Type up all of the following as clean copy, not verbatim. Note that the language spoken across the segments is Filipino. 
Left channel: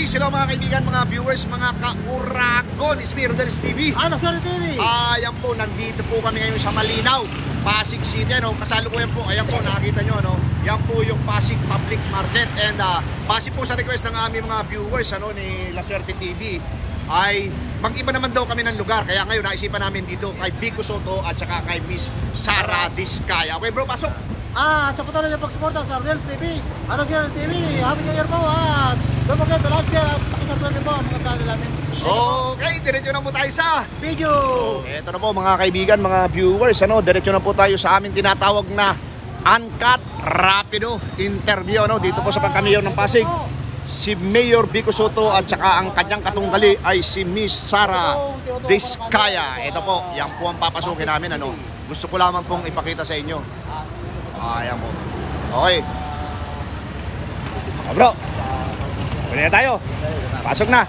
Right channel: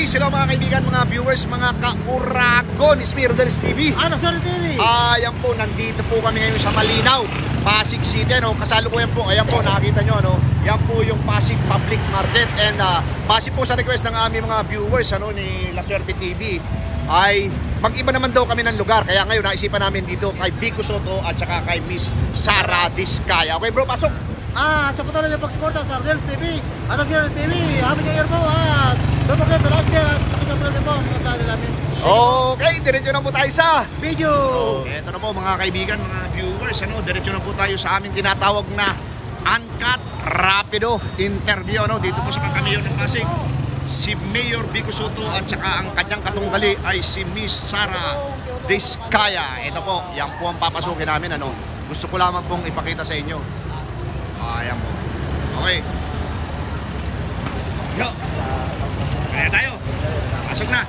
Peace, hello mga kaibigan, mga viewers, mga ka-Uragon, it's me, Rodel's TV. Sorry TV. Ayan po, nandito po kami ngayon sa Malinaw, Pasig City, ano, kasalukuyan po, ayan po, nakakita nyo, ano, yan po yung Pasig Public Market. And base po sa request ng aming mga viewers, ano, ni La Suerte TV, ay mag-iba naman daw kami ng lugar. Kaya ngayon, naisipan namin dito kay Vico Soto at saka kay Miss Sara Diskaya. Okay bro, pasok! Tsaka patuloy yung pagsuporta sa Rodel's TV at sa Sierra TV. Happy New Year po at don't forget to like, share at pakisubscribe rin po ang mga channel namin. Okay, diretso na po tayo sa video. Ito na po mga kaibigan, mga viewers, ano, diretso na po tayo sa aming tinatawag na Uncut Rapido interview, ano, dito po sa pagkamayor ng Pasig. Si Mayor Vico Soto at saka ang kanyang katunggali ay si Miss Sara Diskaya. Ito po, yan po ang papasukin namin, ano. Gusto ko lamang pong ipakita sa inyo. Ayan po. Okay. Bro, pwede na tayo. Pasok na.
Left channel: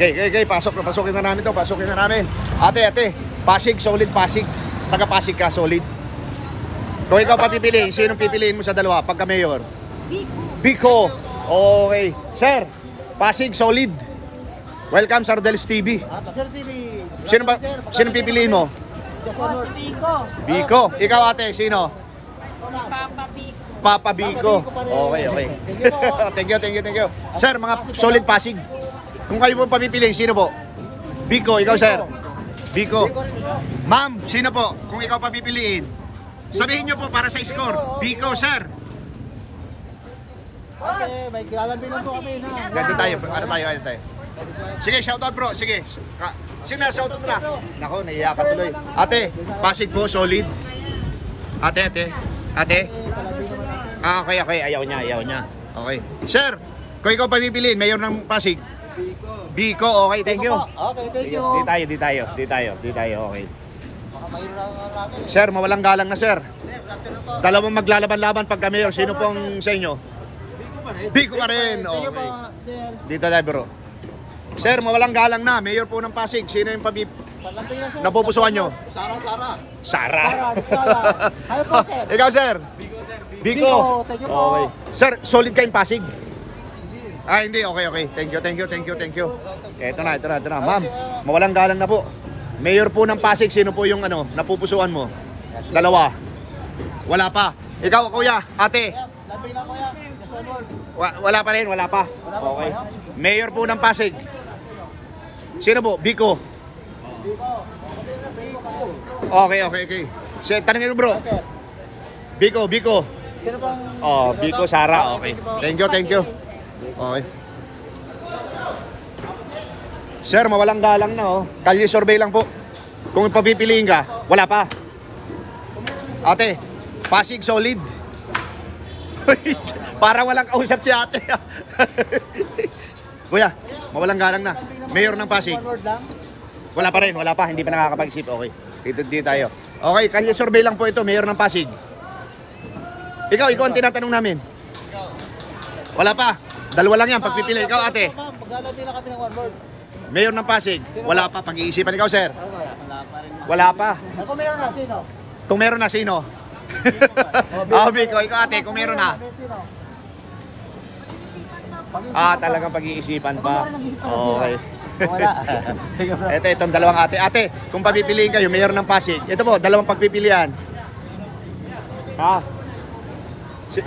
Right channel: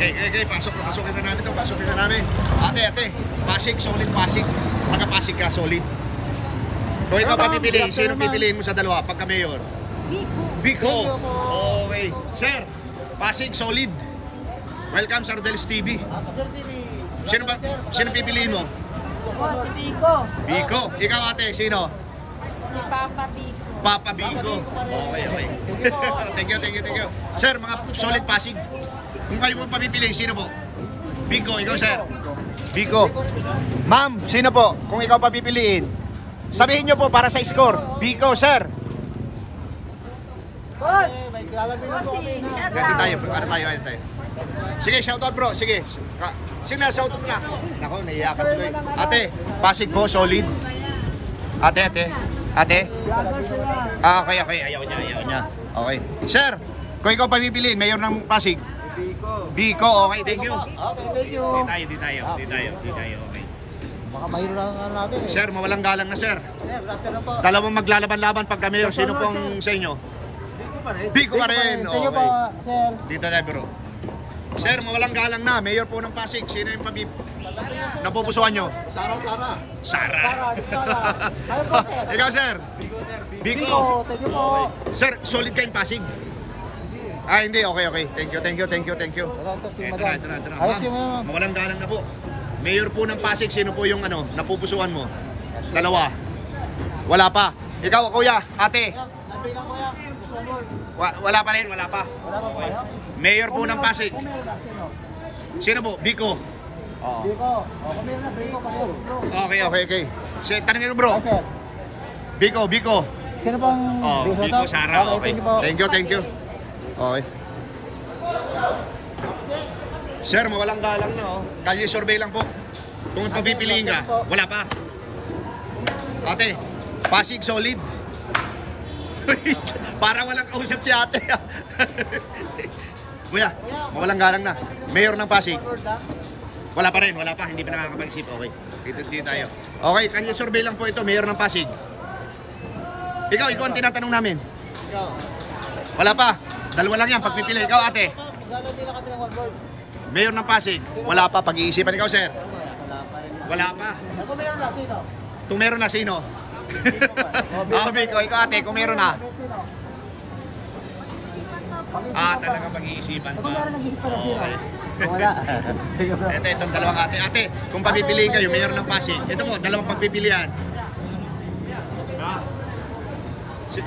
Okay. Pasukin na namin to. Pasukin na namin. Ate. Pasig, solid Pasig. Taga Pasig ka, solid. Kung ikaw papipiliin, sinong pipiliin mo sa dalawa pagka mayor? Vico. Okay. Sir, Pasig, solid. Welcome sa Rodel's TV. Sino pipiliin mo? Si Vico. Vico. Ikaw ate, sino? Si Papa Vico. Papa Vico. Okay. Thank you. Sir, mga solid Pasig. Kung kayo po papipiliin, sino po? Vico, ikaw sir. Vico. Ma'am, sino po? Kung ikaw papipiliin, sabihin nyo po para sa score. Vico, sir. Boss. Ganito tayo. Ano tayo? Sige, shoutout bro. Sige. Sino shoutout mo na? Nako, naiiyak ka tuloy. Ate, Pasig po, solid. Ate. Okay. Ayaw niya. Okay. Sir, kung ikaw papipiliin, mayor ng Pasig. Vico, okay, thank you. Okay, thank you. Di tayo, okay. Sir, mawalang galang na sir. Dalawang maglalaban-laban pagka mayor. Sino pong sa inyo? Vico pa rin. Okay. Dito tayo bro. Sir, mawalang galang na. Mayor po ng Pasig. Sino yung napupusuan nyo? Sara. Ikaw sir? Vico. Thank you po. Sir, solid kayong Pasig? Hindi. Okay. Thank you. Ito na. Ma'am, mawalang galang na po. Mayor po ng Pasig. Sino po yung napupusuan mo? Dalawa. Wala pa. Ikaw, kuya, ate. Wala pa rin. Okay. Mayor po ng Pasig. Sino po? Vico. Okay. Tanongin mo bro. Vico. Sino pong Vico, Sara. Okay. Thank you. Okay. Sir, mawalang galang na Kalye survey lang po. Kung papipiliin ka, wala pa. Ate, Pasig solid. Parang walang kausap si ate. Kuya, mawalang galang na. Mayor ng Pasig. Wala pa rin. Hindi pa nakakapag-isip. Okay. Dito tayo. Okay, kanya survey lang po ito. Mayor ng Pasig. Ikaw ang tinatanong namin. Wala pa. Dalawa lang yan. Pagpipili. Ikaw ate. Mayor ng Pasig. Wala pa. Pag-iisipan ikaw sir. Wala pa. Kung meron na, sino? Vico, ikaw ate. Kung meron na. Talagang pag-iisipan pa. Okay. Wala. Ito, itong dalawang ate. Ate, kung papipiliin kayo, mayor ng Pasig. Ito po, dalawang pagpipilian.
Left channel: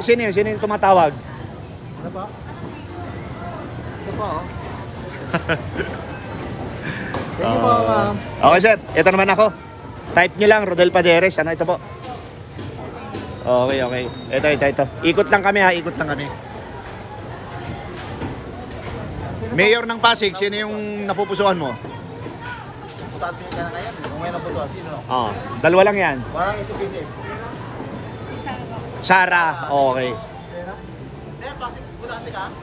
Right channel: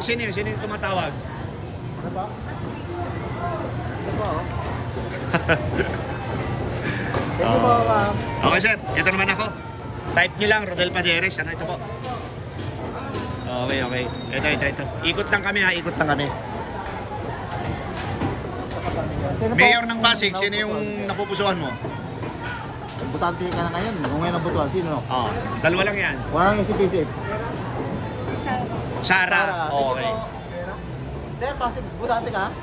Sino yung tumatawag? Okay sir, ito naman ako. Type nyo lang, Rodel Paderes. Ito po. Okay. Ito. Ikot lang kami. Mayor ng Pasig, sino yung napupusuan mo? Butante ka na ngayon. Kung may nabutuan, sino? Dalawa lang yan. Wala nang isip-isip. Si Sara. Okay. Sir, Pasig, butante ka?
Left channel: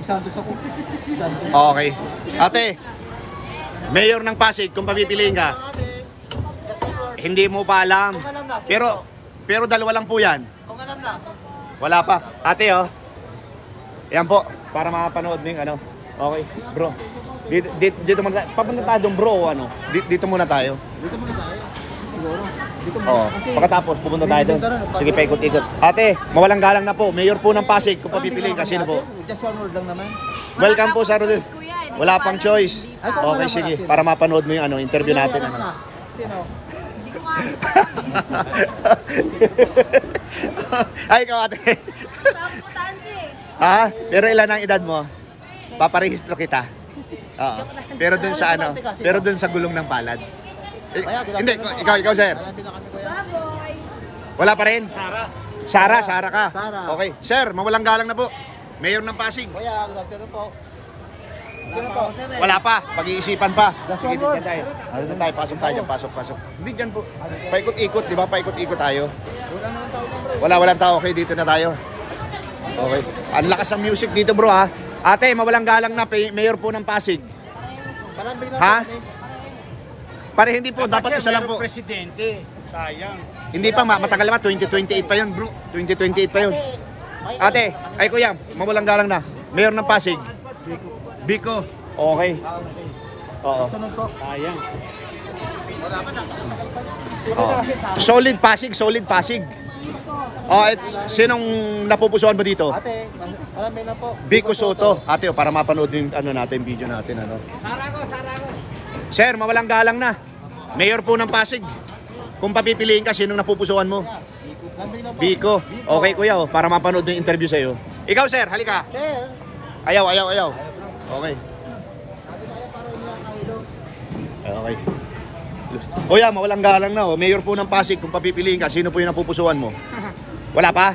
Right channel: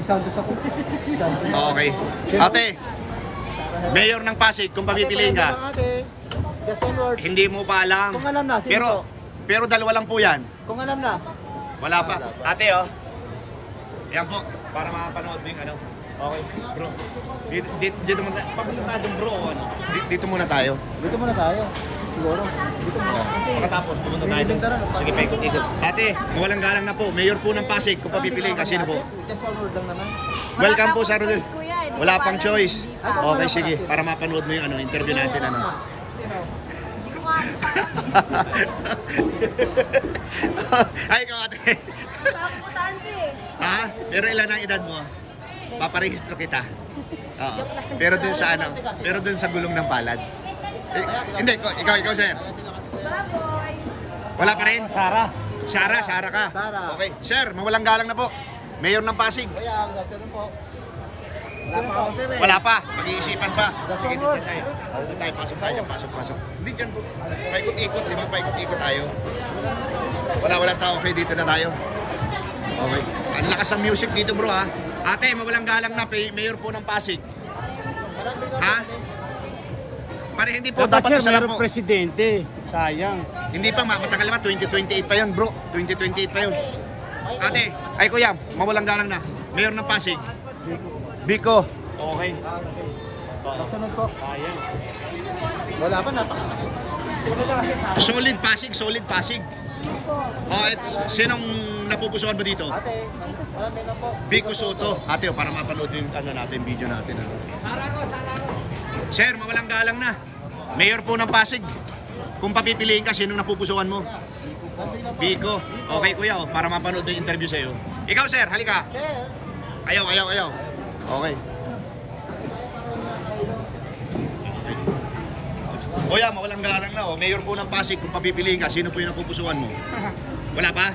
Isantos ako. Okay. Ate, Mayor ng Pasig, kung papipiliin ka. Hindi mo pa alam. Pero dalawa lang po yan. Kung alam na. Wala pa. Ate yan po. Para makapanood mo yung Okay, bro. Dito muna tayo bro. Dito muna tayo. siguro. Oo. Pagkatapos, pupunta tayo doon. Sige, paikot-ikot. Ate, mawalang galang na po. Mayor po ng Pasig. Kung papipiliin ka, sino po? Just one word lang naman. Welcome po sa Rodel. Kuya, hindi Wala ko pang alam, choice. hindi pa. Okay, sige. Para mapanood mo yung ano, interview natin. Ano. Hindi ko nga alam pa. Ay, ikaw ate. Paputante. Ha? Pero ilan ang edad mo? Paparehistro kita. Oo. Pero dun sa ano, pero dun sa gulong ng palad. Hindi, ikaw sir. Baboy. Wala pa rin? Sara ka. Okay. Sir, mawalang galang na po. Mayor ng Pasig. Wala pa ako, sir. Wala pa. Pag-iisipan pa. Sige, dito tayo. Dito tayo. Pasok tayo dyan. Pasok. Hindi dyan po. Paikot-ikot, di ba? Paikot-ikot tayo. Walang tao. Okay, dito na tayo. Okay. Ang lakas ng music dito, bro, ha? Ate, mawalang galang na. Mayor po ng Pasig. Ha? Pare, hindi po. Dapat isa lang po. Presidente. Sayang. Hindi pa, matagal naman. 2028 pa yun, bro. 2028 pa yun. Ate, ay kuya, mawalang galang na. Mayor ng Pasig. Biko. Okay. Oo. Sunod po. Sayang. Wala pa, napakatagal pa. Solid Pasig. Oh, sinong napupusuan mo dito? Ate, marami na po. Biko Soto. Ate, para mapanood yung ano natin, video natin. Ano. Sir, mawalang galang na. Mayor po ng Pasig. Kung papipiliin ka, sinong napupusuan mo? Biko. Okay, kuya, para mapanood yung interview sa'yo. Ikaw, sir, halika. Sir, Ayaw. Okay. Okay. Kuya, mawalang galang na. Mayor po ng Pasig. Kung papipiliin ka, sino po yung napupusuan mo? Wala pa?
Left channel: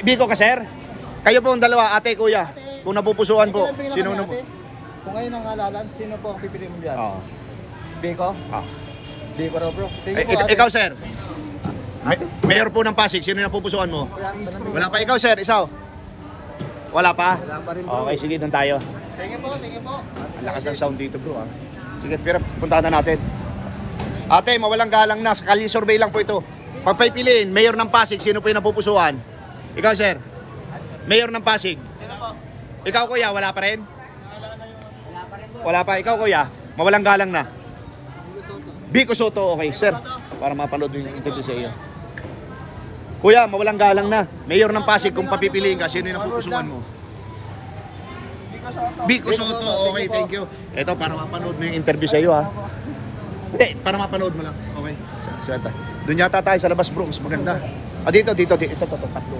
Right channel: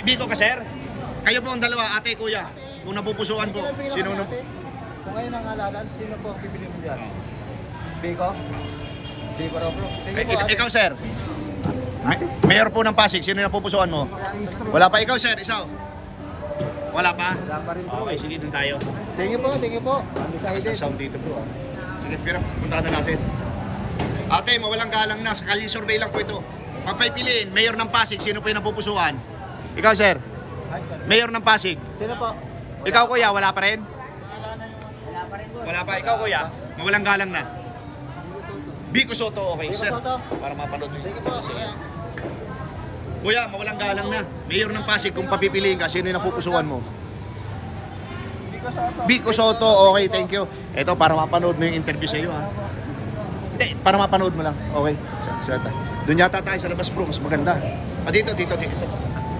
Biko ka, sir? Kayo po ang dalawa, ate, kuya. Kung napupusuan po, sino na po? kung kayo nang halalan, sino po ang pipili mo dyan? Oo. Biko? Biko na bro. Ikaw, sir. Mayor po ng Pasig, sino yung napupusuan mo? Wala pa. Ikaw, sir, isaw? Wala pa? Wala pa rin bro. Okay, sige, doon tayo. Thank you po. Lakas ng sound dito, bro. Sige, pero puntahan na natin. Ate, mawalang galang na. Kalye survey lang po ito. Pagpipiliin, Mayor ng Pasig, sino po yung napupusuan? Ikaw, sir. Mayor ng Pasig. Sino po? Ikaw, kuya, wala pa rin? Wala pa. Ikaw, kuya, mawalang galang na. Biko Soto. Okay, sir. Para mapanood yung interview sa iyo. Kuya, mawalang galang na. Mayor ng Pasig, kung papipiliin ka, sino yung napupusuan mo? Biko Soto. Okay, thank you. Ito, para mapanood mo yung interview sa iyo, ha? Hindi, para mapanood mo lang. Okay. Doon yata tayo sa labas, bro. Mas maganda. Dito. Ito, tatlo.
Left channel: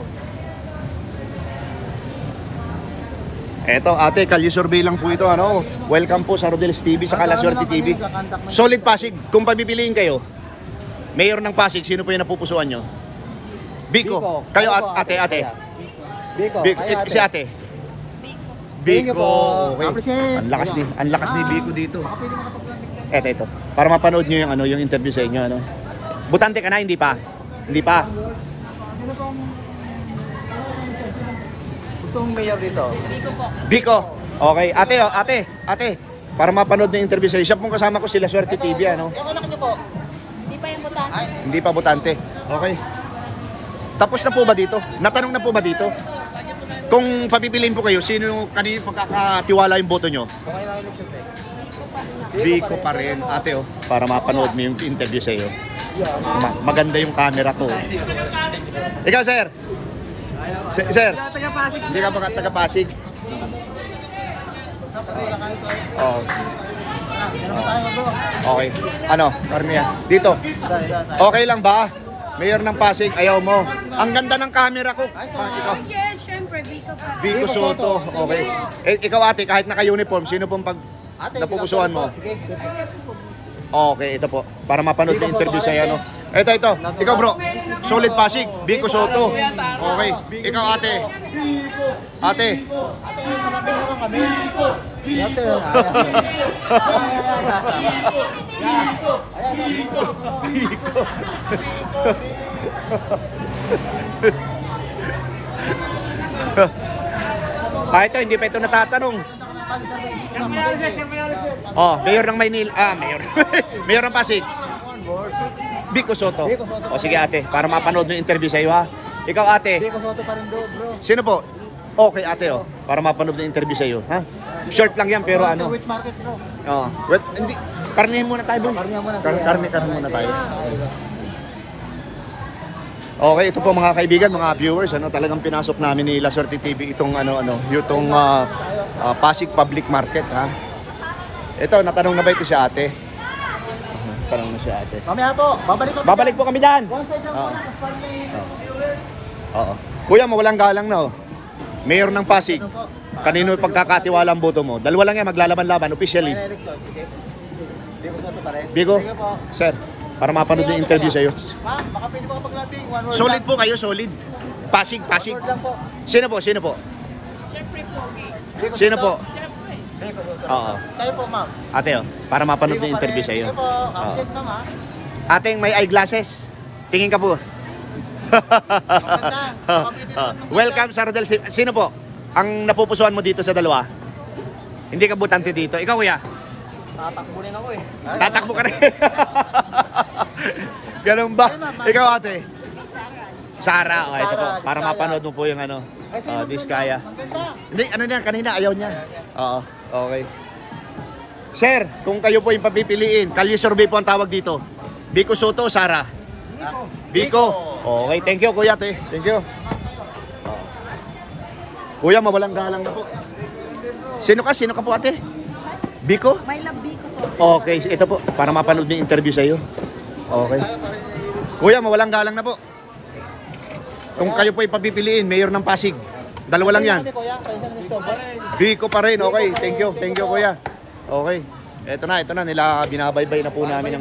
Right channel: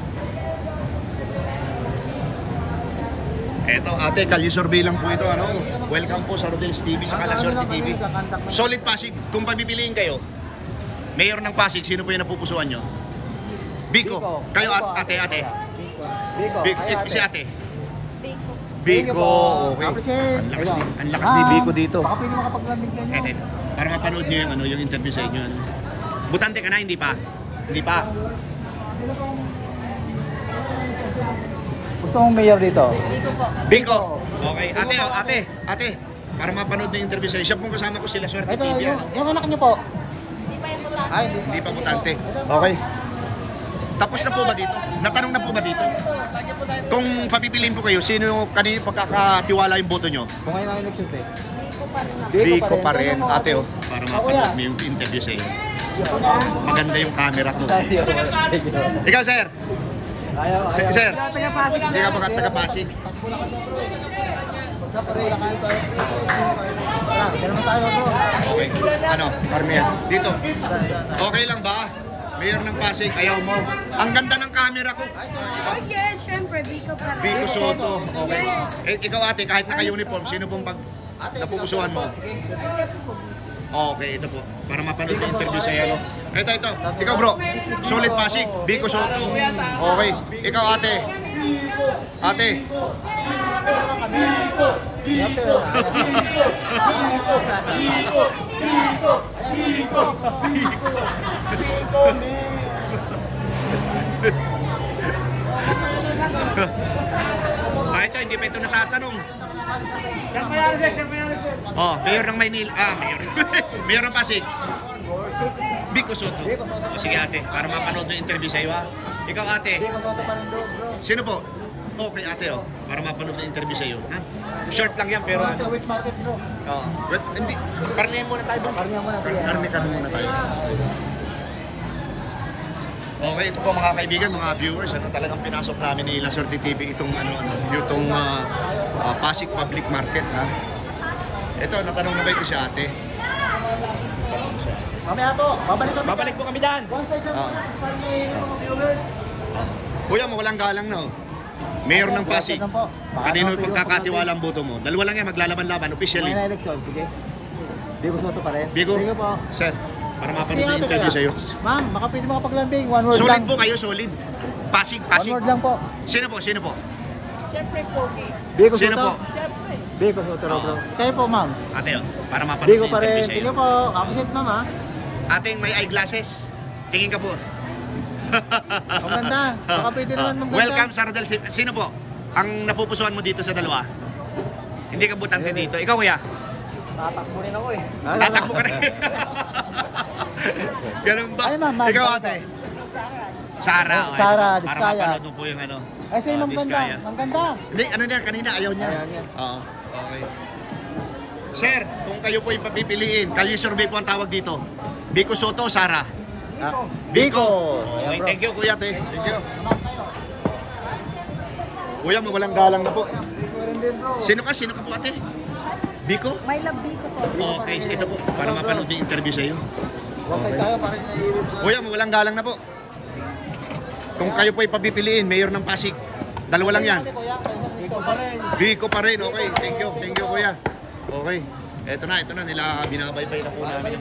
Eto, ate, kalye survey lang po ito. Ano? Welcome po sa Rodel's TV, sa Kalaswerte TV. Solid Pasig. Kung pagpipiliin kayo, Mayor ng Pasig, sino po yung napupusuan nyo? Biko. Kayo, ate. Biko. Si ate. Biko. Biko. Okay. Ang lakas ni Biko dito. Baka pwede makapaglamig lang. Ito. Para mapanood nyo yung interview sa inyo. Ano? Butante ka na, hindi pa? Hindi pa. Gusto mong mayor dito? Biko po. Biko. Okay. Ate. Para mapanood yung interview sa inyo. Siya pong kasama ko sila Swerte TV. Ano? Yung anak niyo po? Hindi pa yung butante. Hindi pa butante. Okay. Tapos na po ba dito? Natanong na po ba dito? Kung papipiliin po kayo, sino kanino pagkakatiwala yung boto nyo? Kumain na yung election eh. Biko pa rin ako. Biko pa rin. Ate, para mapanood mo yung interview sa iyo. Maganda yung camera ko. Ikaw, sir. Sir. Hindi ka ba taga-Pasig? Oo. Diyan naman tayo bro. Okay. Ano? Karnia. Dito. Okay lang ba? Mayor ng Pasig, ayaw mo. Ang ganda ng camera ko. Ikaw. Yes, syempre, Biko pa rin. Biko Soto. Okay. Ikaw, ate, kahit naka-uniform, sino pong napupusuan mo? Okay, ito po. Para mapanood yung interview sa ano. Ito. Ikaw, bro. Solid Pasig. Biko Soto. Okay. Ikaw, ate. Ate. Ito, hindi pa ito natatanong. Oh, Mayor ng Maynila. Mayor. Mayor ng Pasig. Biko Soto. O sige, ate, para mapanood mo yung interview sa iyo, ha. Ikaw, ate. Biko Soto pa rin bro. Sino po? Okay, ate, para mapanood yung interview sa iyo, ha. Short lang yan, pero ano. Wet market bro. Hindi. Karne muna tayo doon. Karne muna tayo. Okay. Okay, ito po mga kaibigan, mga viewers, talagang pinasok namin ni La Suerte TV itong yung Pasig Public Market, ha. Ito, natanong na ba ito si ate? Tanong na si ate. Mamaya po, Babalik po kami dyan. Oo. Kuya, mawalang galang na, oh. Mayor ng Pasig. Kanino pagkakatiwala ang boto mo? Dalawa lang yan, maglalaban-laban officially. Sige. Biko Soto pa rin. Biko, sir, para mapanood yung interview sa'yo. Ma'am, baka pwede mga pakilamping. One word Solid lang. po kayo, solid. Pasig. One word lang po. Sino po? Siyempre pogi. Biko Sino Soto. po? Siyempre. Biko Soto. Oo. Kayo po, ma'am. Ate, oh, para mapanood Biko yung pa interview rin. sa'yo. Sige po. Absent, ma'am, ha? Ating may eyeglasses. Tingin ka po. Maganda. Baka pwede naman mag- Welcome sa Rodel. Sino po ang napupusuan mo dito sa dalawa? Hindi ka butante dito. Ikaw, kuya? Tatakbo rin ako, eh. Tatakbo ka rin. Ganun ba? Ikaw, ate? Sara. Oh, ito po. Sara, Para Diskaya. mapanood mo po yung Ay, sino ang Diskaya. ganda? Ang ganda. Hindi, niya, kanina ayaw niya. Oo, okay. Sir, kung kayo po yung papipiliin, Kalye Survey po ang tawag dito. Biko Soto o Sara? Biko. Okay, thank you kuya, te. Thank you. Kuya, mawalang galang na po. Sino ka po ate? Biko? May love Biko Soto. Okay, ito po, para mapanood yung interview sa'yo. Okay. Kuya, mawalang galang na po. Kung kayo po ipapipiliin, Mayor ng Pasig. Dalawa lang yan. Biko pa rin. Okay, thank you kuya. Okay. Ito na nila binabaybay na po namin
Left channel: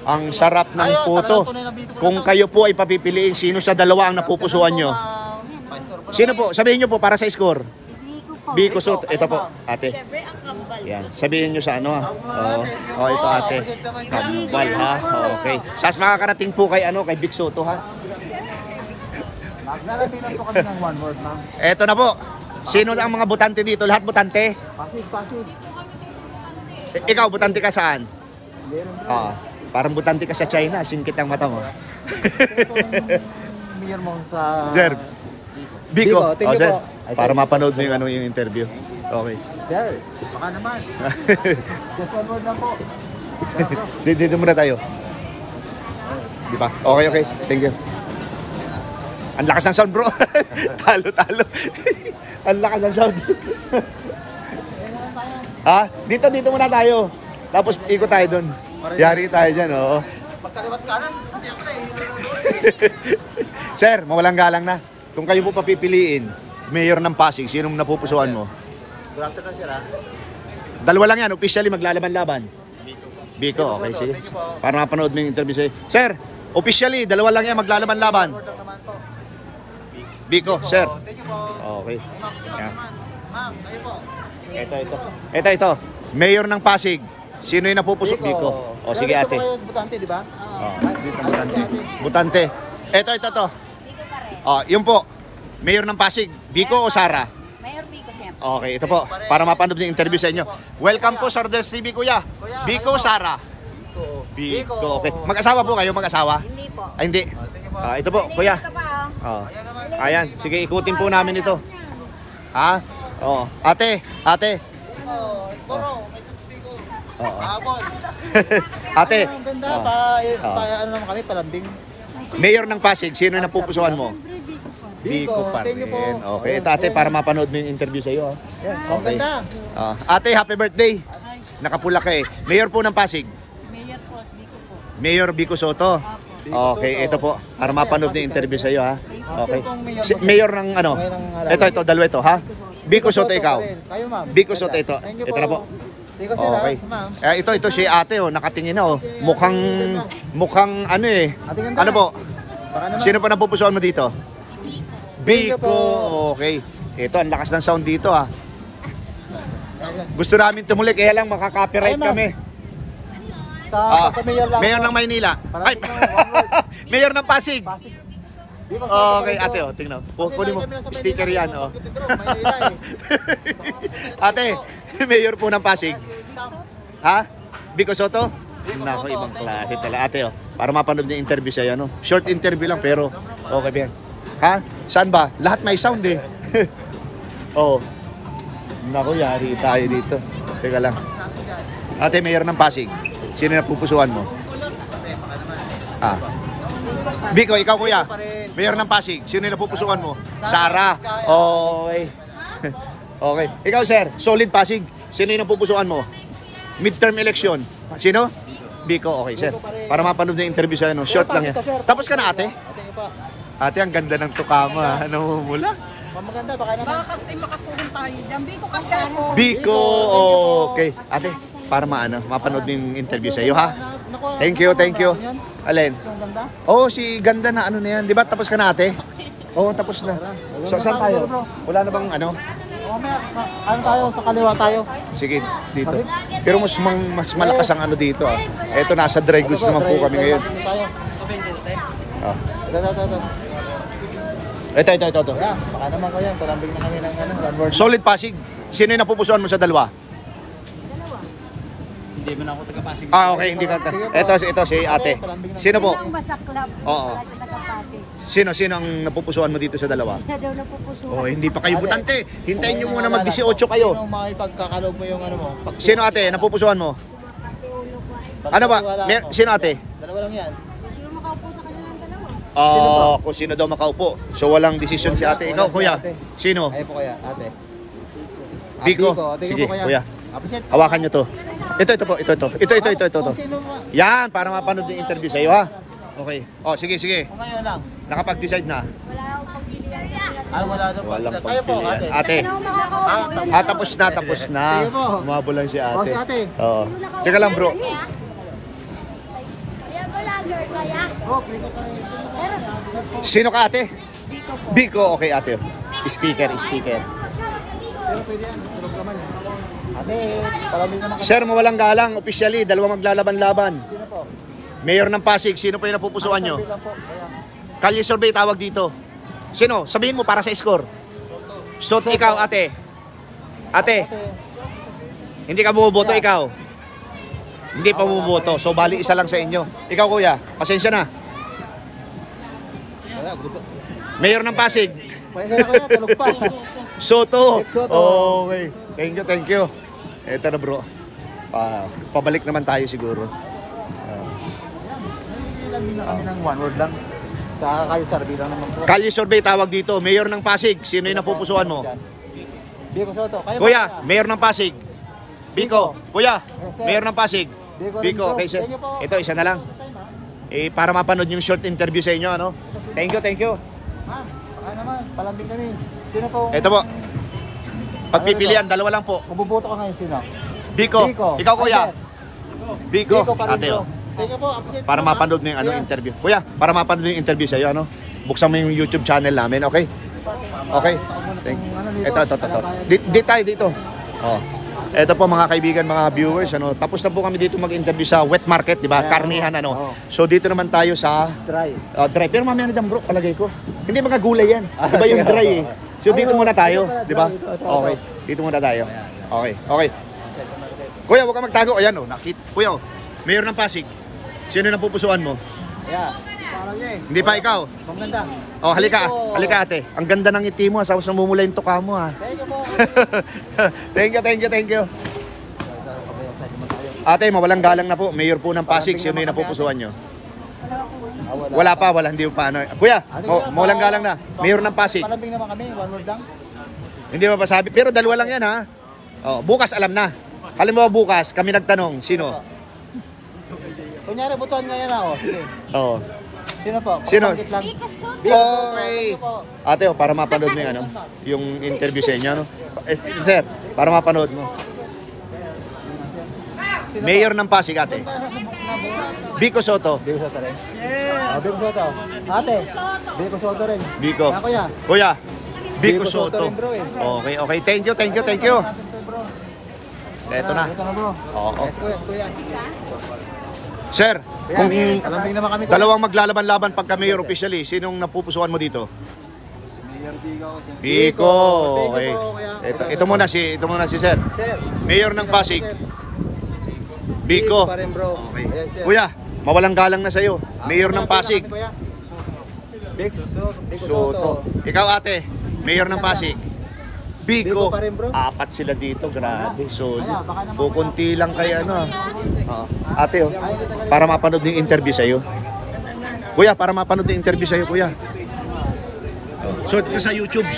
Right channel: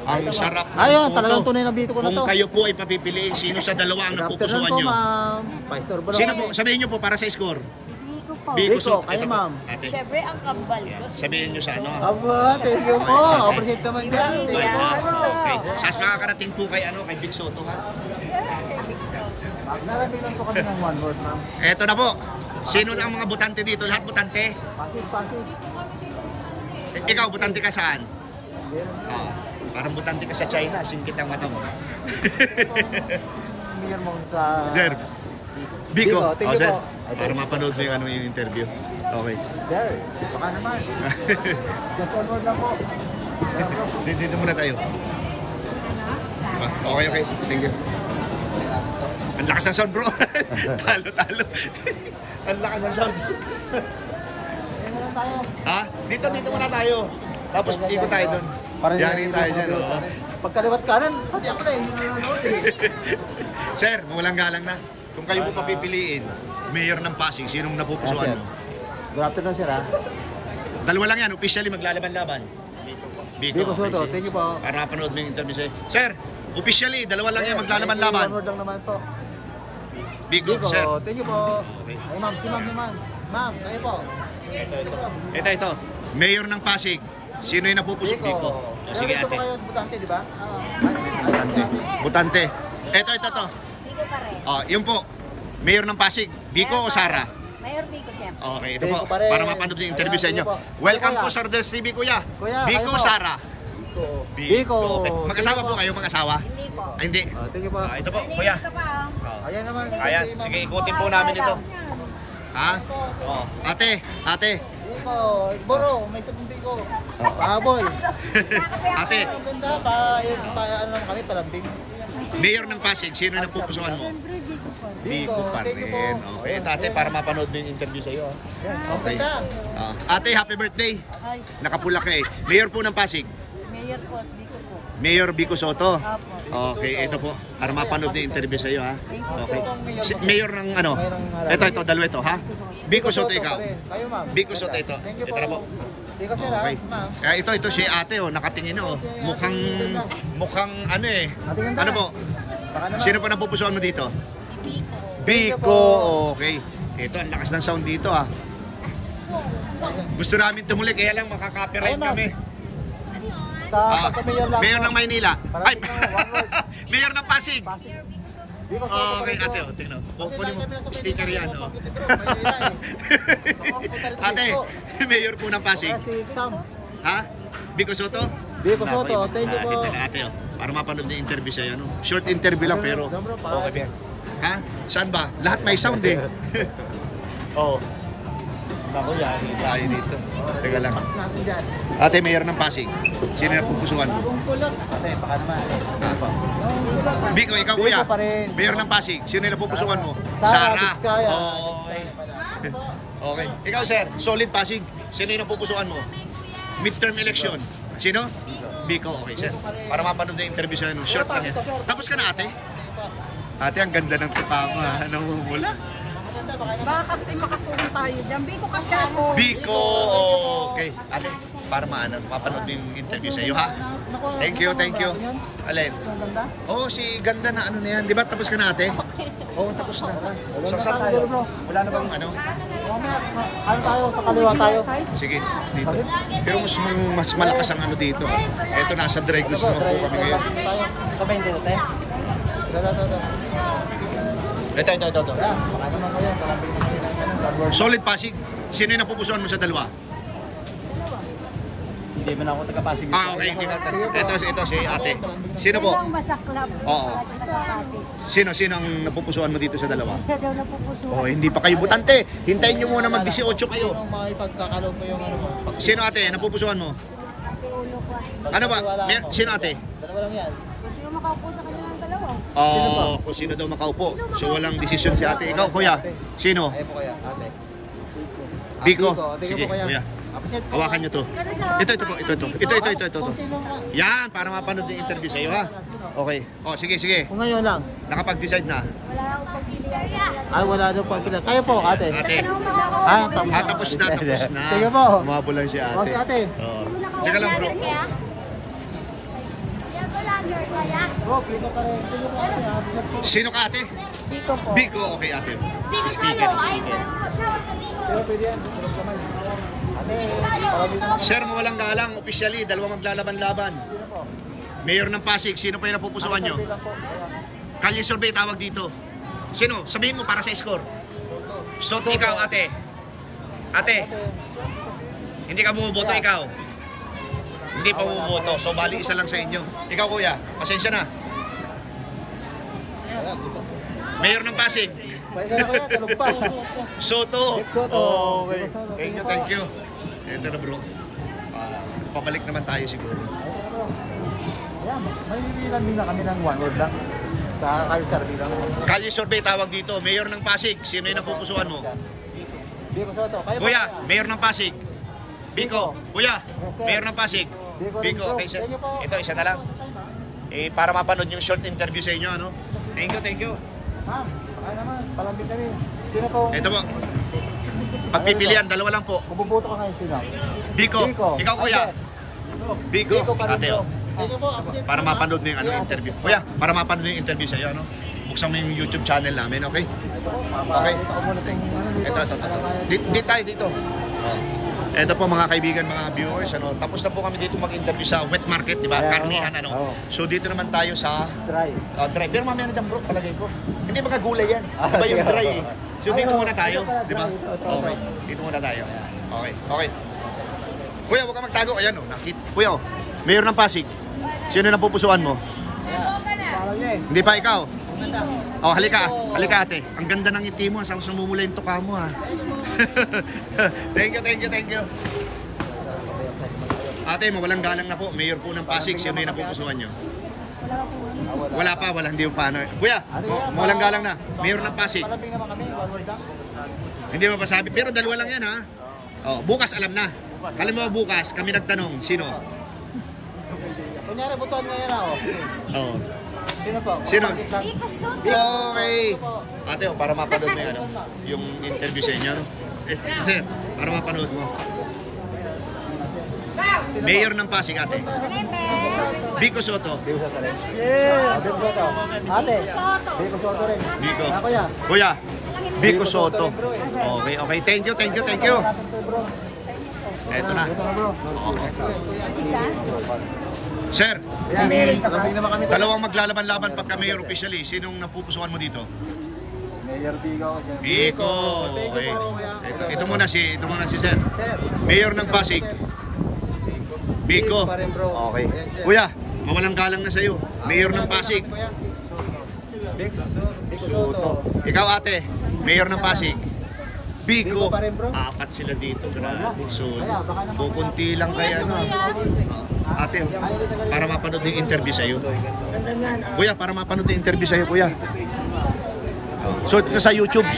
ang sarap ng Ayan, puto. talagang tunay na Biko ko na Kung to. kayo po ay papipiliin, sino sa dalawa ang napupusuan nyo? Sino po? Sabihin nyo po para sa score. Biko po. Biko Soto. Ito po, ate. Siyempre ang kambal. Yan. Sabihin nyo sa ano. Thank you Oh, ito po. ate. Absent ka man. Tambal, ha? Okay. Sas makakarating po kay Big Soto, ha? Narating lang po kami ng one word, ma'am. Eto na po. Sino ang mga butante dito? Lahat butante? Pasig. Ikaw, butante ka saan? Parang butante ka sa China. Singkit ang mata mo. Mayor mo sa... Sir. Biko. Thank you Sir. po. Para mapanood mo yung interview. Okay. Sir, baka naman. Just one word lang po. Dito muna tayo. Diba? Okay. Thank you. Ang lakas ng sound, bro. Talo. Ang lakas ng sound. Ayun na lang tayo. Ha? Dito muna tayo. Tapos ikot tayo dun. Yari tayo dyan, oo. Pagkaliwat kanan, hindi ako na. Sir, mawalang galang na. Kung kayo po papipiliin, Mayor ng Pasig, sinong napupusuan mo? Grabe na sila. Dalawa lang yan, officially maglalaban-laban. Biko, okay, sige. Thank you po. Para mapanood mo yung interview sa'yo. Sir, officially, dalawa lang yan maglalaban-laban. One word lang naman po. Biko, sir. Thank you po. Okay. Ay, ma'am, sino naman? Ma'am, kayo po. Ito. Mayor ng Pasig. Sino yung napupusok? Biko. O, sige ate. Pero dito kayo butante, di ba? Dito, butante. Ito. Biko pa rin. O, yun po. Mayor ng Pasig. Biko o Sara? Mayor Biko siyempre. Okay, ito po. Para mapanood yung interview sa inyo. Welcome po sa Rodel TV, kuya. Biko, Sara? Biko. Okay. Mag-asawa po kayo, mag-asawa? Hindi po. Ay, hindi. Thank you po. Ito po, kuya. Ito pa oh. Oh. Ayan naman. Ayan, sige, ikutin po namin ito. Ha? Oh. Ate. Biko, Boro, may sabong Biko. Oo. Habol. Ate. Ang ganda pa. Ano kami, palambing. Mayor ng Pasig, sino yung napupusuan mo? Siyempre Biko pa rin. Biko pa rin. Okay, ito ate, para mapanood mo yung interview sa iyo. Okay. Ganda. Ate, happy birthday. Ay, Nakapula ka eh. Mayor po ng Pasig. Mayor po, Biko po. Mayor Biko Soto. Apo. Okay, ito po. Para mapanood yung interview sa iyo, ha. Okay. Mayor ng ano? Ito, dalawa ito, ha? Biko Soto ikaw. Kayo, ma'am. Biko Soto ito. Ito na po. Biko, sir, Okay. ma'am. Ito si ate, oh, nakatingin na, oh. Mukhang ano eh. Ano po? Sino pa napupusuan mo dito? Biko. Okay. Ito, ang lakas ng sound dito, ah. Gusto namin tumulik, kaya lang makaka-copyright kami. Sa mayor lang. Mayor ng Maynila. Ay, Mayor ng Pasig. Okay, ate, oh, tingnan. Kunin mo, sticker yan, oh. Ate, Mayor po ng Pasig. Ha? Biko Soto? Nako, ibang klase pala, ate, oh. Para mapanood yung interview sa'yo, no? Short interview lang, pero okay, Ben. Ha? Saan ba? Lahat may sound, eh. Oo. Nako, yari tayo dito. Teka lang. Ate, Mayor ng Pasig. Sino na pupusuan mo? Ah. Biko, ikaw kuya. Mayor ng Pasig. Sino na pupusuan mo? Sara. Okay. Okay. Ikaw sir, solid Pasig. Sino yung pupusuan mo? Midterm election. Sino? Biko. Okay sir. Para mapanood yung interview sa ano. Short lang yan. Tapos ka na ate? Ate, ang ganda ng tukama. Namumula. Baka makasuhan tayo dyan. Biko kasi ako. Biko. Okay. Ate, para mapanood yung interview sa iyo ha. Thank you, thank you. Alin? Oh, si ganda na ano na yan. Di ba tapos ka na ate? Oo, tapos na. So, saan tayo? Wala na bang ano? Ano tayo? Sa kaliwa tayo. Sige, dito. Pero mas malakas ang ano dito ah. Eto, nasa dry goods naman po kami ngayon. Sabay dito tayo. Ah. Ito. Ano naman kayo? Parambing namin ng Solid Pasig. Sino yung napupusuan mo sa dalawa? Hindi man ako taga-Pasig. Ah, okay. Hindi ka. Ito si ate. Sino po? Ang masaklap. Oo. Sino ang napupusuan mo dito sa dalawa? Siya daw napupusuan. Oh, hindi pa kayo butante. Hintayin nyo muna mag-18 kayo. Anong makipagkakalaw mo yung ano mo? Sino ate? Napupusuan mo? Ate ulo ko. Ano ba? Sino ate? Dalawa lang yan. Sino makaupo sa kanilang dalawa? Kung sino daw makaupo. So walang desisyon si ate. Ikaw kuya, sino? Ay po kaya, ate. Biko. Sige, kuya. Hawakan nyo to. Ito po. Ito. Yan, para mapanood yung interview sa iyo ha. Okay. Oh, sige. Ngayon lang. Nakapag-decide na. Wala akong pagpilihan. Ay, wala na po. Kayo po, ate. Ate. Tapos na. Sige po. Umabo lang si ate. O, si ate. Oo. Teka lang bro. Sino ka ate? Biko po. Biko. Okay ate. Sticker. Sir, mawalang galang. Officially, dalawa maglalaban-laban. Mayor ng Pasig. Sino pa yung napupusuan nyo? Kalye survey tawag dito. Sino? Sabihin mo para sa score. Soto, ikaw ate. Ate. Hindi ka bumoboto ikaw. Hindi pa bumoboto. So bali isa lang sa inyo. Ikaw kuya, pasensya na. Mayor ng Pasig. Soto. Okay. Thank you. Eto na bro. Pabalik naman tayo siguro. May din na kami ng one word lang. Nakakayo sa bilang. Kalye survey tawag dito. Mayor ng Pasig. Sino yung napupusuan mo? Biko Soto. Kuya, Mayor ng Pasig. Biko. Kuya, Mayor ng Pasig. Biko. Okay, sir. Ito, isa na lang. Para mapanood yung short interview sa inyo, ano? Thank you. Ma'am, baka naman. Palambing kami. Sino po? Ito po. Pagpipilian, dalawa lang po. Mabubuto ka ngayon sino? Biko. Ikaw, kuya. Biko. Ate, oh. Sige po. Para mapanood mo yung interview. Kuya, para mapanood yung interview sa iyo, ano? Buksan mo yung YouTube channel namin, okay? Okay. Ito. Dito tayo, dito. Oh. Ito po mga kaibigan, mga viewers, ano? Tapos na po kami dito mag-interview sa wet market, di ba? Karnihan, ano? So dito naman tayo sa Dry. dry. Pero mamaya na dyan bro, palagay ko. Hindi mga gulay yan. Di ba yung dry eh? So dito muna tayo, di ba? Okay. Dito muna tayo. Okay. Kuya, huwag ka magtago. Ayan, oh. Kuya, oh. Mayor ng Pasig. Sino na pupusuan mo? Hindi pa ikaw? Oh, halika ate. Ang ganda ng ngiti mo, sa mumula yung tuka mo ha. Thank you. Ate, mawalang galang na po. Mayor po ng Pasig. Sino yung napupusuan nyo? Wala pa. Hindi pa ano. Kuya, mawalang galang na. Mayor ng Pasig. Palambing naman kami. One word lang. Hindi mapasabi. Pero dalawa lang yan ha. Oh, bukas alam na. Halimbawa bukas, kami nagtanong, sino? Kunyari, butuan ngayon ako. Sige. Oo. Sino po? Sino? Palambing lang. Biko Soto. Okay. Ate, para mapanood mo yan, yung interview sa inyo, no? Sir, para mapanood mo. Mayor ng Pasig, ate. Biko Soto. Yeah! Biko Soto. Ate. Biko Soto rin. Biko. Kuya. Kuya, Biko Soto. Okay. Thank you. Eto na. Oo. Sir, kung dalawang maglalaban-laban pagka mayor officially, sinong napupusuan mo dito? Mayor Biko. Biko. Okay. Ito muna si Sir. Mayor ng Pasig. Biko. Okay. Kuya, mawalang galang na sa'yo. Mayor ng Pasig. Soto. Ikaw ate, Mayor ng Pasig. Biko. Biko pa rin, bro. 4 sila dito, grabe, solid. Kukunti lang kaya ano. Ate, oh, para mapanood yung interview sa'yo. Kuya, para mapanood yung interview sa'yo, kuya. So, sa YouTube,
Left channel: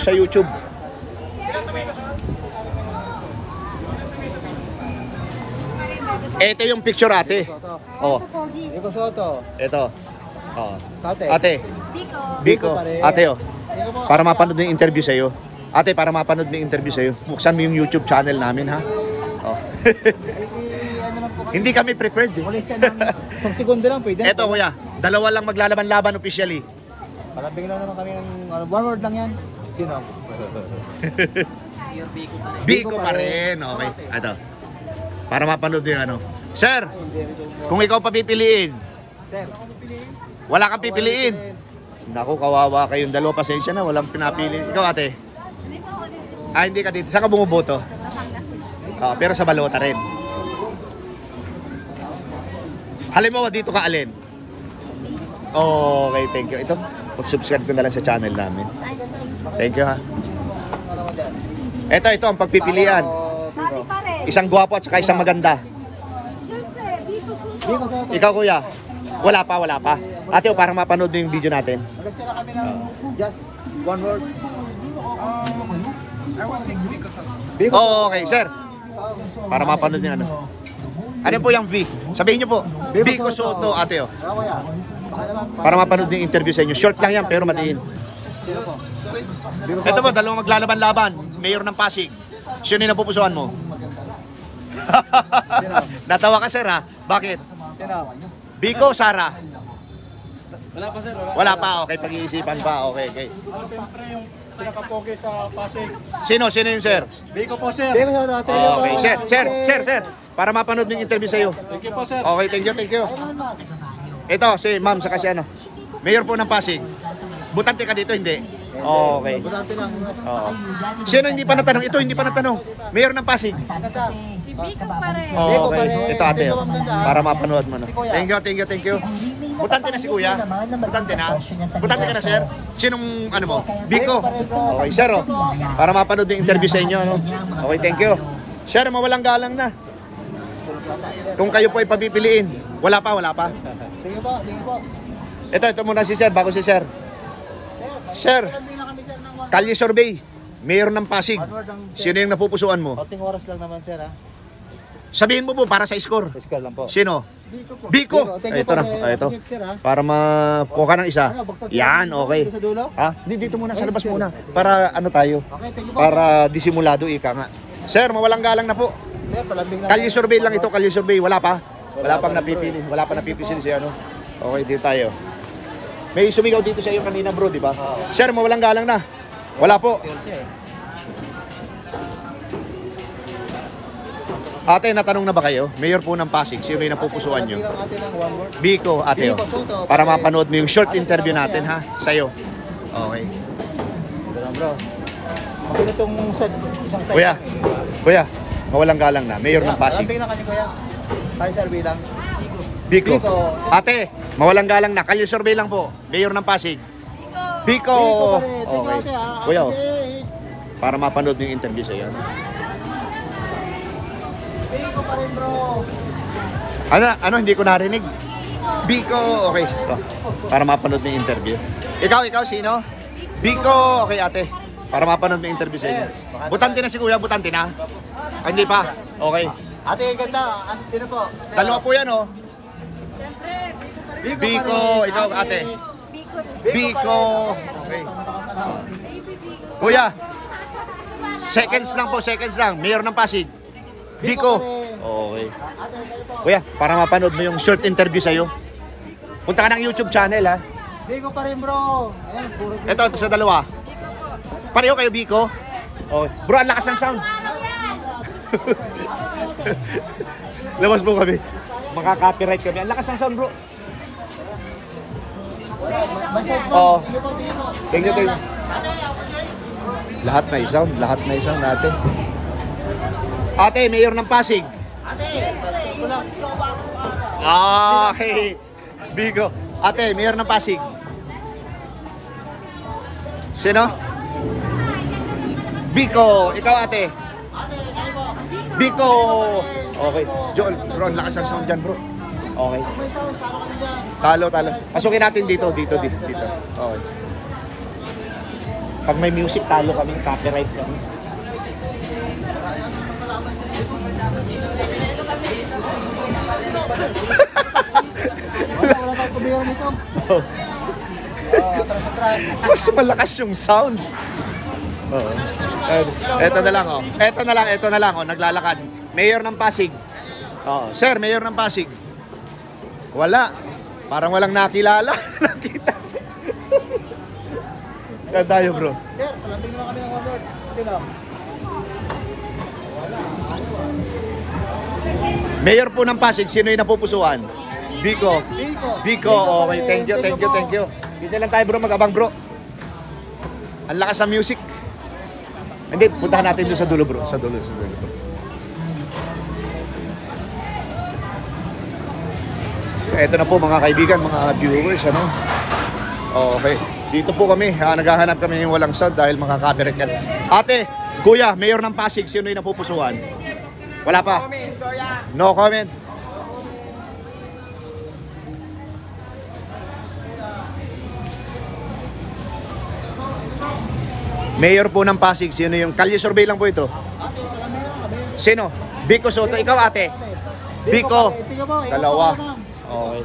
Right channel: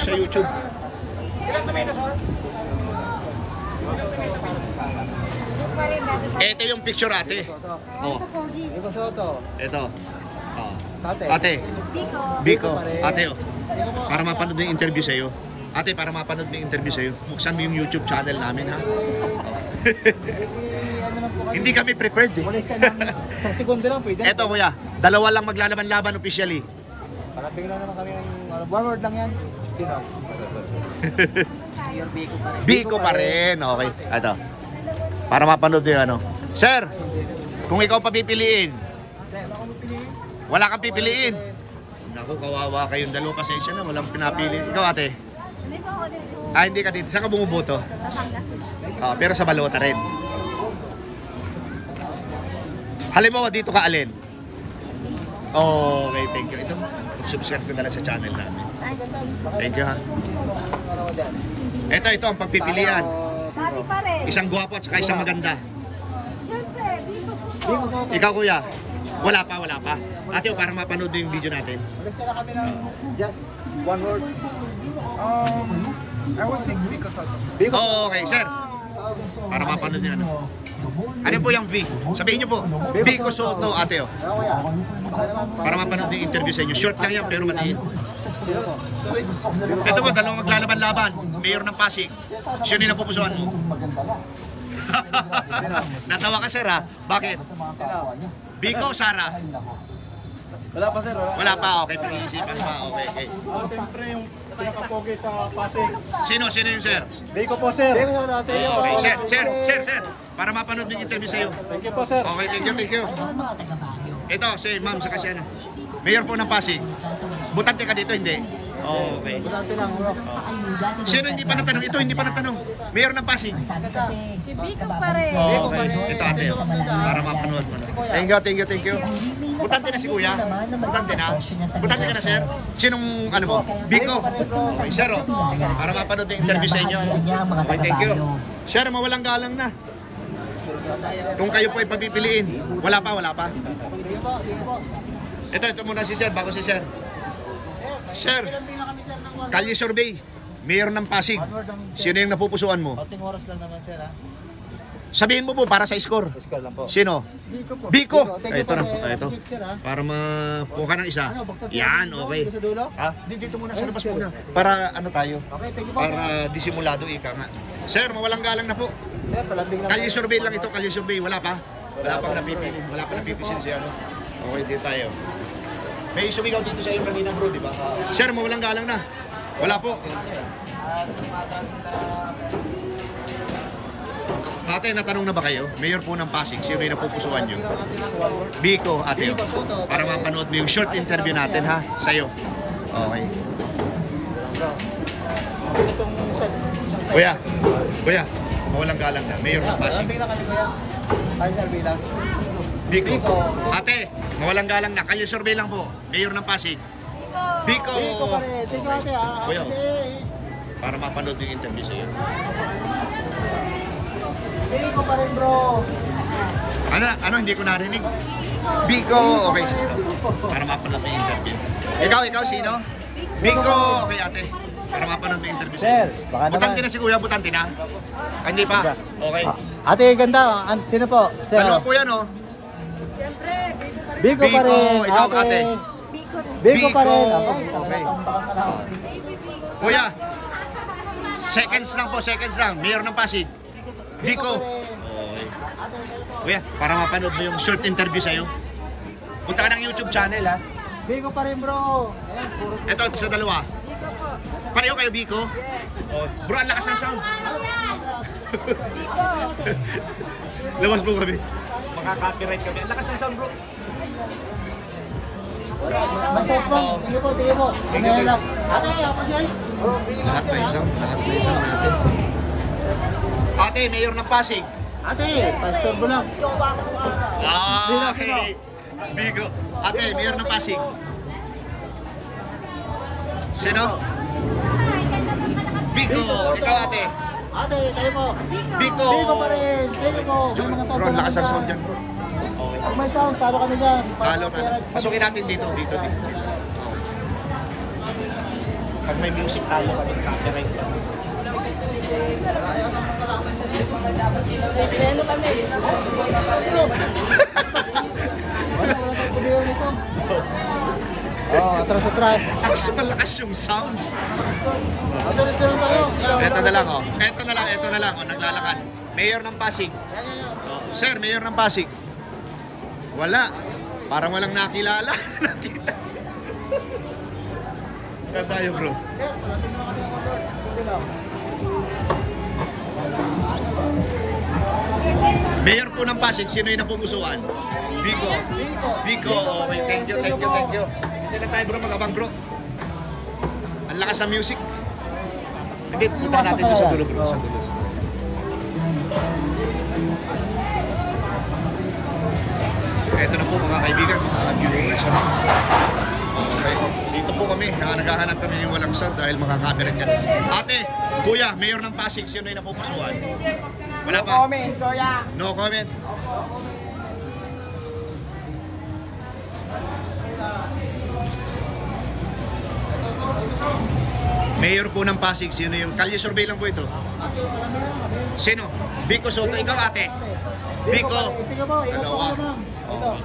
Ito yung picture, ate. Oh. Biko Soto. Ito. Oh. Ate. Ate. Biko. pa rin. Ate, oh. Para mapanood yung interview sa'yo. Ate, para mapanood yung interview sa'yo. Buksan mo yung YouTube channel namin, ha? Oh. Ano lang po kami. Hindi kami prepared, eh. Isang segundo lang pwede. Eto, kuya. 2 lang maglalaban-laban officially. Parang lang naman kami ng one word lang yan. Sino? Biko pa rin. Okay. Ito. Para mapanood yung ano. Sir, kung ikaw papipiliin, wala kang pipiliin. Naku, kawawa kayong dalawa. Pasensya na, walang pinapili. Ikaw, ate? Hindi ka dito. Saan ka bumuboto? Pero sa balota rin. Halimbawa, dito ka alin? Okay, thank you. Ito, subscribe ko na lang sa channel namin. Thank you, ha. Ito ang pagpipilian. Dati pa rin. Isang gwapo at saka isang maganda. Siyempre, Biko Soto. Ikaw, kuya? Wala pa. Ate, parang mapanood yung video natin. Gusto na kami ng just one word. I want to take Biko Soto. Okay, sir. Para mapanood yung ano. Ano po yung V? Sabihin niyo po. Biko Soto, ate, oh. Para mapanood yung interview sa inyo. Short lang yan, pero matiin. Ito po, 2 maglalaban-laban. Mayor ng Pasig. Sino yung napupusuan mo? Natawa ka, sir, ha? Bakit? Biko, Sara? Wala pa, sir. Wala pa, okay. Pag-iisipan pa, okay. Siyempre yung pinaka-pogi sa Pasig. Sino yun, sir? Biko po, sir. Okay. Sir. Para mapanood yung interview sa iyo. Thank you po, sir. Okay, thank you. Ito, si ma'am, saka si ano. Mayor po ng Pasig. Butante ka dito, hindi? Okay. Butante lang. Sino hindi pa natanong? Ito, hindi pa natanong. Mayor ng Pasig. Si Biko pa rin. Okay. Ito, ate. Oh. Para mapanood mo. No? Thank you. Butante na si kuya. Butante na. Butante ka na, sir. Sinong, ano mo? Biko. Okay, sir. Oh. Para mapanood yung interview sa inyo. Okay, thank you. Sir, mawalang galang na. Kung kayo po ay papipiliin. Wala pa. Ito muna si sir, bago si sir. Sir, Kalye Survey, Mayor ng Pasig. Sino yung napupusuan mo? Konting oras lang naman, sir, ha? Sabihin mo po para sa score. Score lang po. Sino? Biko po. Biko. Thank you Ito po. na. Ito. Para makuha ka ng isa. Yan, okay. Sa dulo? Dito muna sa labas muna. Para ano tayo? Okay, thank you po. Para disimulado ika nga. Sir, mawalang galang na po. Sir, palambing lang. Kalye Survey lang ito, Kalye Survey. Wala pa napipili. Wala pa napipisil si ano. Okay, dito tayo. May sumigaw dito sa iyo kanina, bro, di ba? Sir, mawalang galang na. Wala po. Ate, natanong na ba kayo? Mayor po ng Pasig, sino yung napupusuan nyo? Biko, ate, oh. Para mapanood mo yung short interview natin, ha? Sa'yo. Okay. Kuya, mawalang galang na. Mayor ng Pasig. Biko. Ate, mawalang galang na. Kalye Survey lang po. Mayor ng Pasig. Biko. Okay. Kuya, oh. Para mapanood yung interview sa'yo. Biko pa rin, bro. Ano, hindi ko narinig. Biko. Okay. Para mapanood yung interview. Ikaw, sino? Biko. Okay, ate. Para mapanood yung interview sa'yo. Butante na si kuya, butante na? Hindi pa. Okay. Ate, ganda. Sino po? Sir. Dalawa po yan, oh. Siyempre, Biko pa rin. Biko, Biko, ikaw, ate. Biko rin. Biko. Okay. Kuya. Seconds lang. Mayor ng Pasig. Biko. Okay. Kuya, para mapanood mo yung short interview sa'yo. Punta ka ng YouTube channel, ha. Biko pa rin, bro. Ito sa dalawa. Biko po. Pareho kayo, Biko? Oh. Bro, ang lakas ng sound. Labas mo kami. Makaka-copyright kami. Ang lakas ng sound, bro. Massage mo. Oo. Tingin mo. Tingin mo. Lahat may sound natin. Ate, Mayor ng Pasig. Ate, massage mo lang. Okay. Biko. Ate, Mayor ng Pasig. Sino? Biko. Ikaw ate. Ate, kayo po. Biko. Okay. Joel, bro, ang lakas ng sound dyan bro. Okay. Pag may sound, talo kami dyan. Talo. Pasukin natin dito. Okay. Pag may music, talo kami copyright. Wala tayong pagbilang nito. Mas malakas yung sound. Ito na lang oh. Ito na lang oh, naglalakad. Mayor ng Pasig. Oh, sir, Mayor ng Pasig. Wala. Parang walang nakilala. Nakita. Saan tayo, bro? Mayor po ng Pasig, sino yung napupusuan? Biko. Okay, thank you. Dito lang tayo bro, mag-abang bro. Ang lakas ng music. Hindi, puntahan natin doon sa dulo bro. Sa dulo. Eto na po mga kaibigan, mga viewers. Ano? Okay. Dito po kami, naghahanap kami yung walang sound dahil makaka-copyright yan. Ate, kuya, Mayor ng Pasig, sino yung napupusuan? Wala pa? No comment. Mayor po ng Pasig, sino yung kalye survey lang po ito? Sino? Biko Soto. Ikaw ate? Biko. Dalawa. Okay.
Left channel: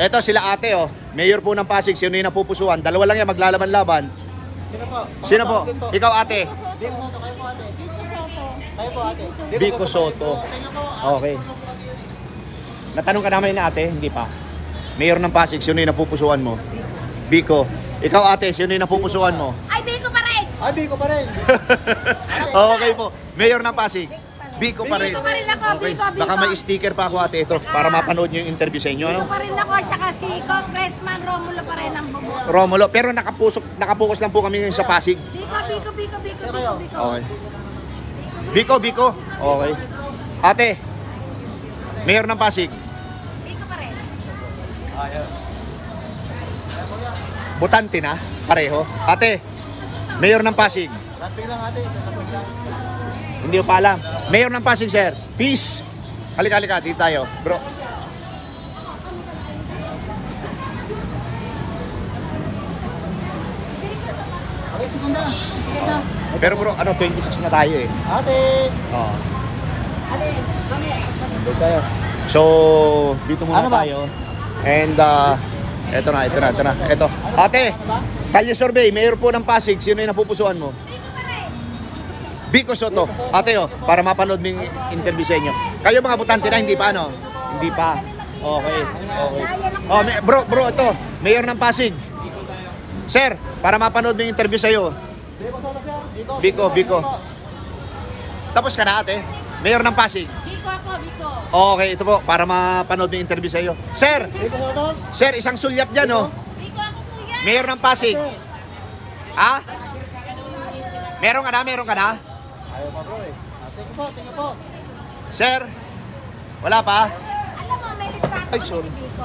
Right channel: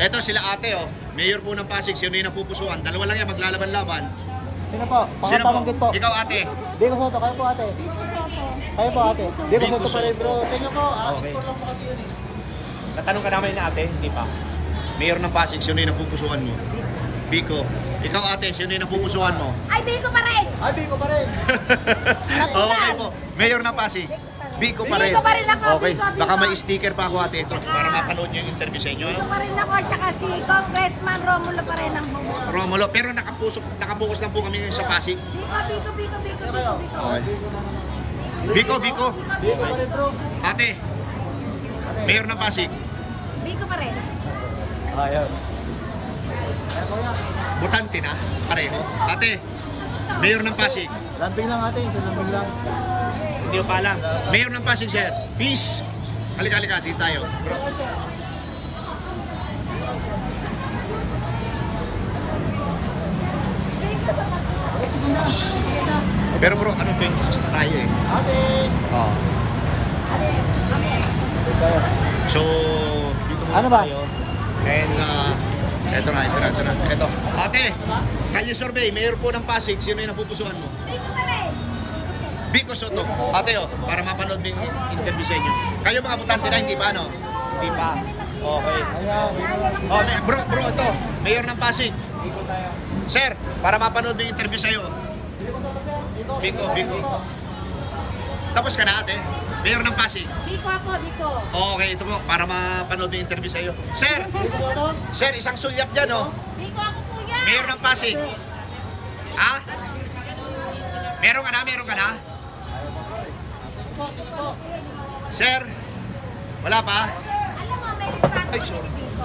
Eto sila ate oh. Mayor po ng Pasig, sino yung napupusuan? Dalawa lang yan, maglalaban-laban. Sino po? Ikaw ate? Biko Soto, kayo po ate. Kayo po ate. Biko Soto. Tingnan po. Okay. Natanong ka namin na ate, hindi pa. Mayor ng Pasig, sino yung napupusuan mo? Biko. Ikaw ate, sino yung napupusuan mo? Ay, Biko pa rin! Ay, Biko pa rin. Okay po. Mayor ng Pasig. Biko pa rin. Biko pa rin ako, Okay. Biko. Baka may sticker pa ako ate ito para mapanood niyo yung interview sa inyo. Biko pa rin ako, tsaka si Congressman Romulo pa rin ang bubuo. Romulo, pero nakapokus lang po kami sa Pasig. Biko. Okay. Biko. Okay. Ate, Mayor ng Pasig. Biko pa rin. Butante na, pareho. Ate, Mayor ng Pasig. Lamping lang ate. Hindi ko pa alam. Mayor ng Pasig, sir. Peace. Halika, dito tayo. Bro. Pero bro, 26 na tayo eh. Ate. Oo. So, dito muna Ano ba? tayo. And, eto na. Eto. Ate, kalye survey, Mayor po ng Pasig, sino yung napupusuan mo? Biko Soto. Ate para mapanood ng interview sa inyo. Kayo mga butante na, hindi pa ano? Hindi pa. Okay. Oh, bro, ito. Mayor ng Pasig. Sir, para mapanood ng interview sa iyo. Biko. Tapos ka na ate? Mayor ng Pasig. Biko. Okay, ito po, para mapanood ng interview sa iyo. Sir, isang sulyap dyan Biko ako kuya. Mayor ng Pasig. Ha? Meron ka na? Sir, wala pa? Alam mo, may litrato Ay, sorry. kami dito.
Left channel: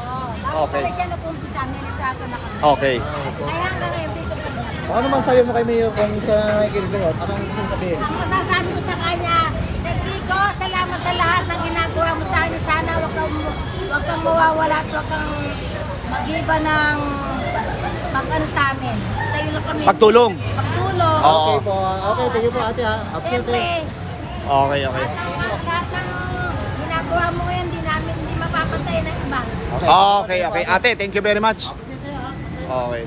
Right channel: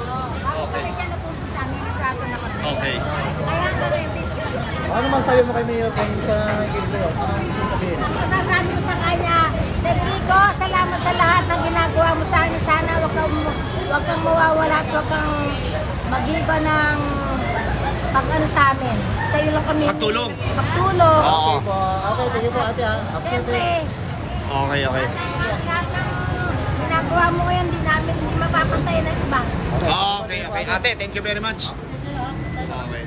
Okay. Pala siya nag-umpisa, may litrato na kami. Okay. Kaya hanggang ngayon dito pa rin. Ano masabi mo kay Mayor kung sa Kidron? Ang masasabi ko sa kanya, Cedrico, salamat sa lahat ng ginagawa mo sa akin. Sana wag kang mawawala at wag kang mag-iba ng pag-ano sa amin. Sa iyo lang kami. Pagtulong. Oo. Okay, thank you po ate ha. Siyempre, Okay. lahat ng ginagawa mo ngayon, hindi mapapantay ng iba. Okay. Ate, thank you very much. Okay.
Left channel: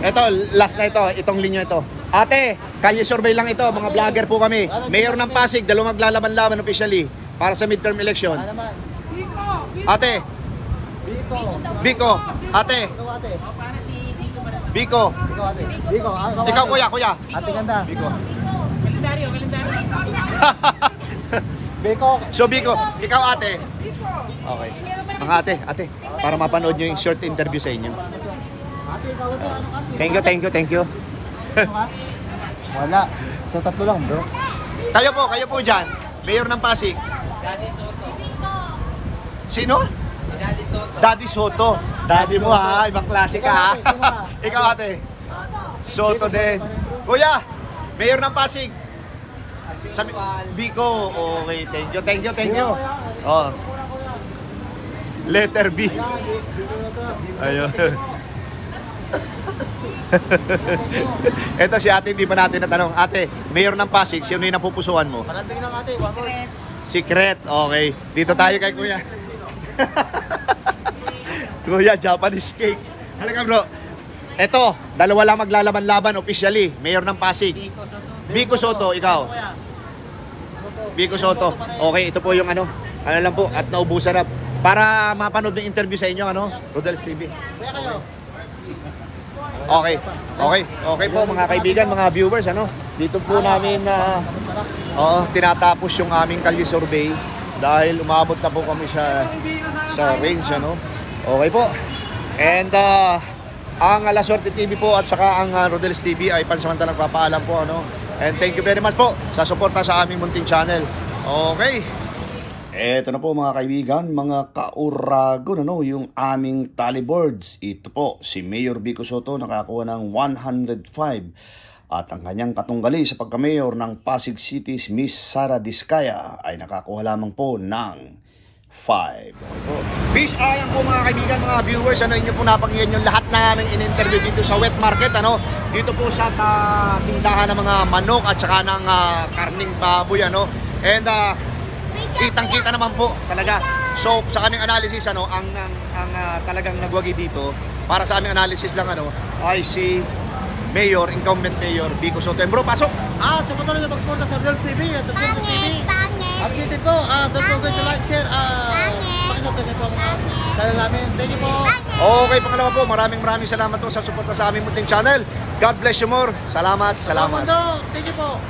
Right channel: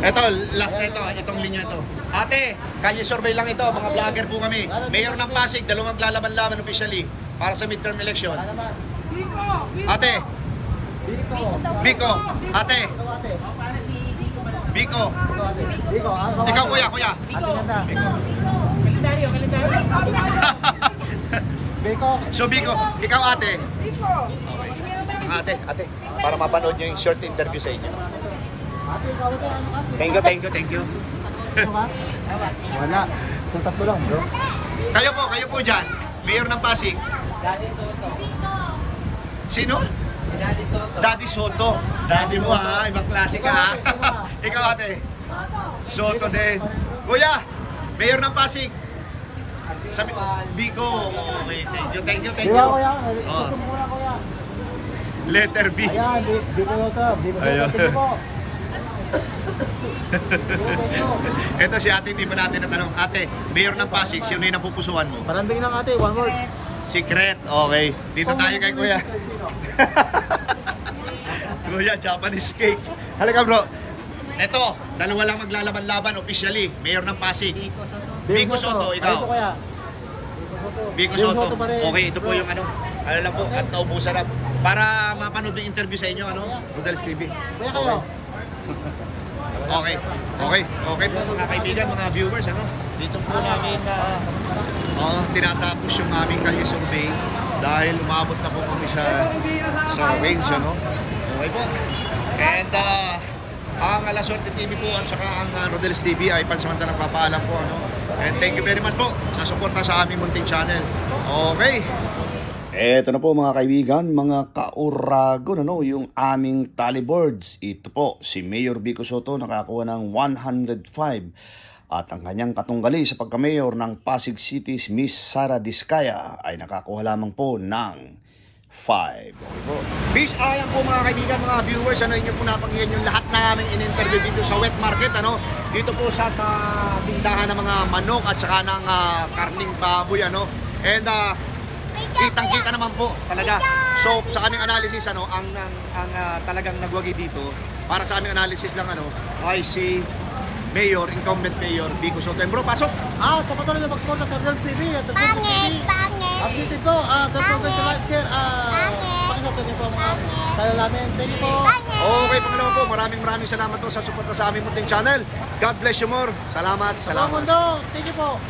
Ito, last na ito. Itong linya ito. Ate, kalye survey lang ito. Mga vlogger po kami. Mayor ng Pasig, dalawang maglalaban-laban officially para sa midterm election. Ate. Biko. Ate. Biko. Ikaw kuya. Ate ganda. Biko. Kalendaryo. Biko. So Biko, ikaw ate. Okay. Ang ate, para mapanood nyo yung short interview sa inyo. Thank you. Wala. So tatlo lang bro. Kayo po dyan, Mayor ng Pasig. Daddy Soto. Sino? Si Daddy Soto. Daddy Soto. Daddy mo ha, ibang klase ka ha. Ikaw ate. Soto din. Kuya, Mayor ng Pasig. Sabi, Biko. Okay, thank you. Oh. Letter B. Ayun. Ito si ate, hindi pa natin natanong. Ate, Mayor ng Pasig, sino yung napupusuan mo? Parambing ng ate, Wangor. Secret, okay. Dito tayo kay Kuya. Kuya, Japanese cake. Halika bro. Ito, dalawa lang maglalaban-laban officially. Mayor ng Pasig. Biko Soto, ikaw. Biko Soto. Okay, ito po yung ano lang po, at naubusan na. Para mapanood ng interview sa inyo, ano? Rodel's TV. Okay. Okay po mga kaibigan, mga viewers, ano? Dito po namin tinatapos yung aming kalye survey dahil umabot na po kami sa range, ano? Okay po. And ang La Suerte TV po at saka ang Rodel's TV ay pansamantalang papaalam po, ano? And thank you very much po sa suporta sa aming munting channel. Okay. Eto na po mga kaibigan, mga kauragon, ano, yung aming tally boards. Ito po, si Mayor Biko Soto nakakuha ng 105. At ang kanyang katunggali sa pagka-mayor ng Pasig City, Miss Sara Diskaya, ay nakakuha lamang po ng 5. Okay po. Peace, ayan po mga kaibigan, mga viewers, ano, inyo po napakinggan yung lahat na aming in-interview dito sa wet market, ano. Dito po sa tindahan ng mga manok at saka ng karning baboy, ano. And kitang-kita naman po talaga. So sa aming analysis, ano, ang talagang nagwagi dito para sa aming analysis lang, ano, ay si Mayor, incumbent Mayor Biko Soto. Bro, pasok. Sa patuloy na pagsuporta sa Rodel's TV at Rodel's TV. Appreciate po. Don't forget to like, share, pakisubscribe po mga channel namin. Thank you po. Okay, pangalawa po, maraming salamat po sa suporta sa aming munting channel. God bless you more. Salamat. Thank you po.